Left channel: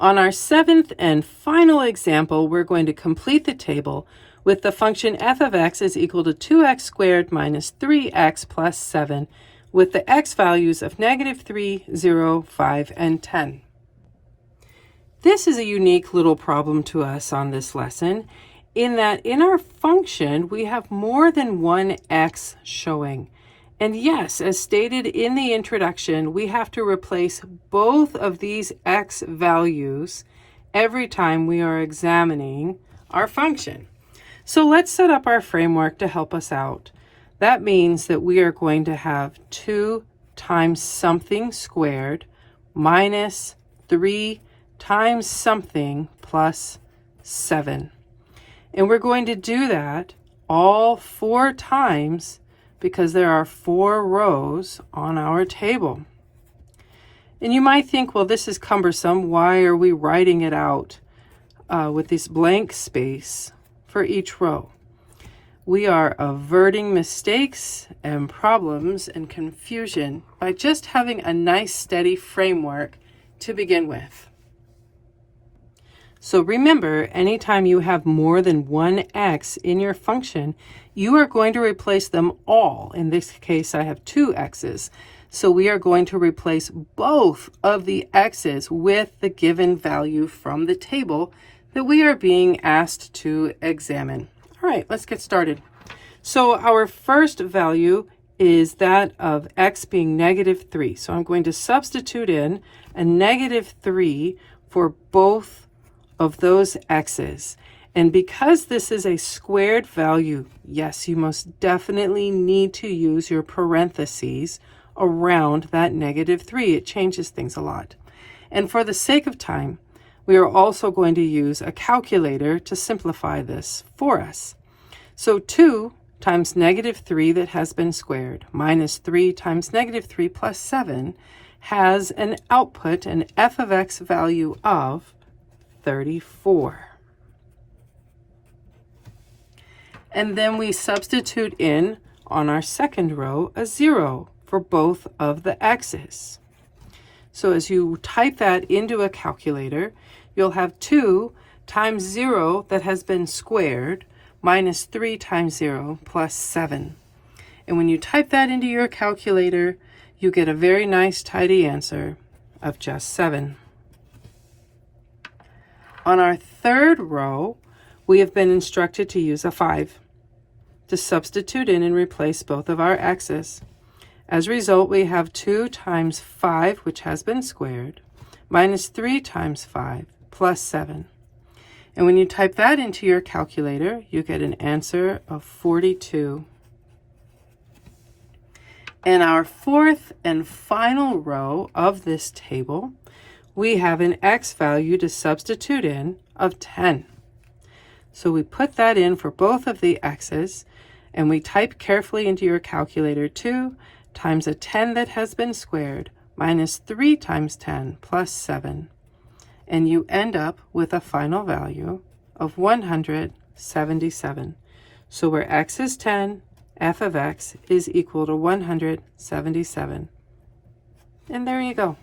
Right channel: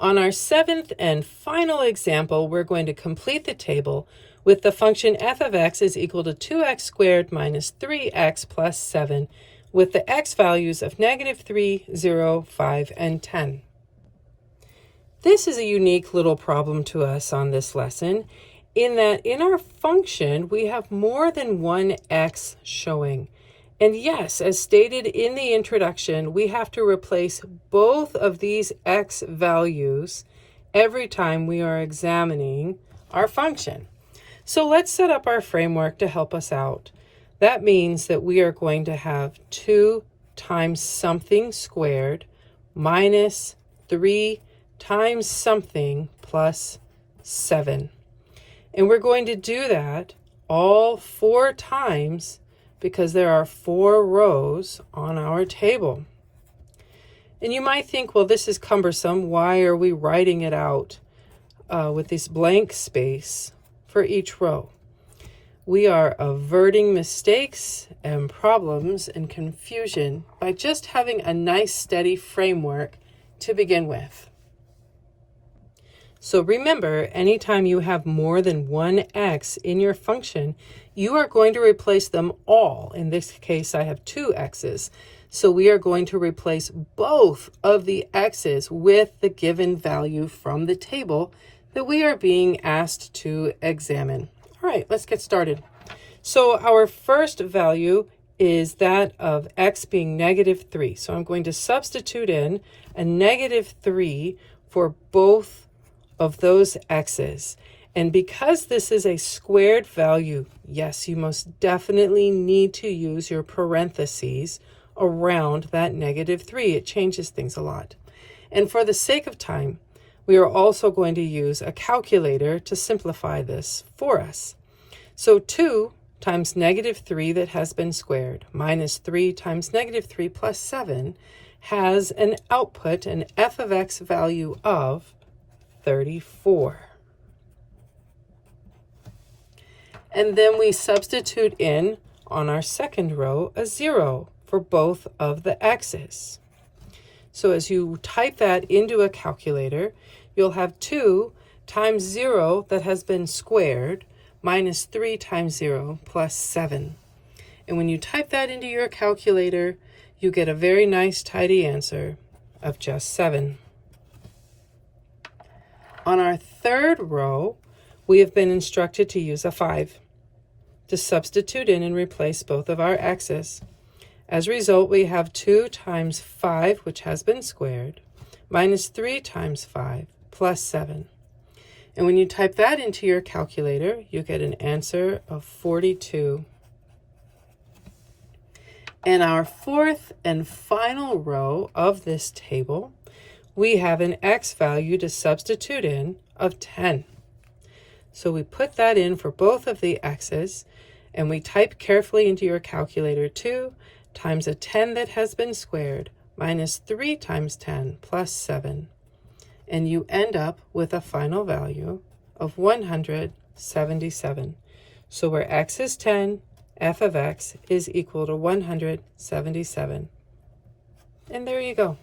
On our seventh and final example, we're going to complete the table with the function f of x is equal to 2x squared minus 3x plus 7 with the x values of -3, 0, 5, and 10. This is a unique little problem to us on this lesson in that in our function we have more than one x showing. And yes, as stated in the introduction, we have to replace both of these x values every time we are examining our function. So let's set up our framework to help us out. That means that we are going to have 2 times something squared minus 3 times something plus 7. And we're going to do that all 4 times because there are 4 rows on our table. And you might think, well, this is cumbersome. Why are we writing it out with this blank space for each row? We are averting mistakes and problems and confusion by just having a nice steady framework to begin with. So remember, anytime you have more than one x in your function, you are going to replace them all. In this case, I have 2 x's. So we are going to replace both of the x's with the given value from the table that we are being asked to examine. All right, let's get started. So our first value is that of x being -3. So I'm going to substitute in a -3 for both of those x's. And because this is a squared value, yes, you most definitely need to use your parentheses around that -3. It changes things a lot. And for the sake of time, we are also going to use a calculator to simplify this for us. So 2 times -3 that has been squared minus 3 times -3 plus 7 has an output, an f of x value of 34. And then we substitute in on our second row a 0 for both of the x's. So as you type that into a calculator, you'll have 2 times 0 that has been squared minus 3 times 0 plus 7. And when you type that into your calculator, you get a very nice tidy answer of just 7. On our third row, we have been instructed to use a 5 to substitute in and replace both of our x's. As a result, we have 2 times 5, which has been squared, minus 3 times 5 plus 7. And when you type that into your calculator, you get an answer of 42. In our fourth and final row of this table, we have an x value to substitute in of 10. So we put that in for both of the x's, and we type carefully into your calculator 2 times a 10 that has been squared minus 3 times 10 plus 7. And you end up with a final value of 177. So where x is 10, f of x is equal to 177. And there you go.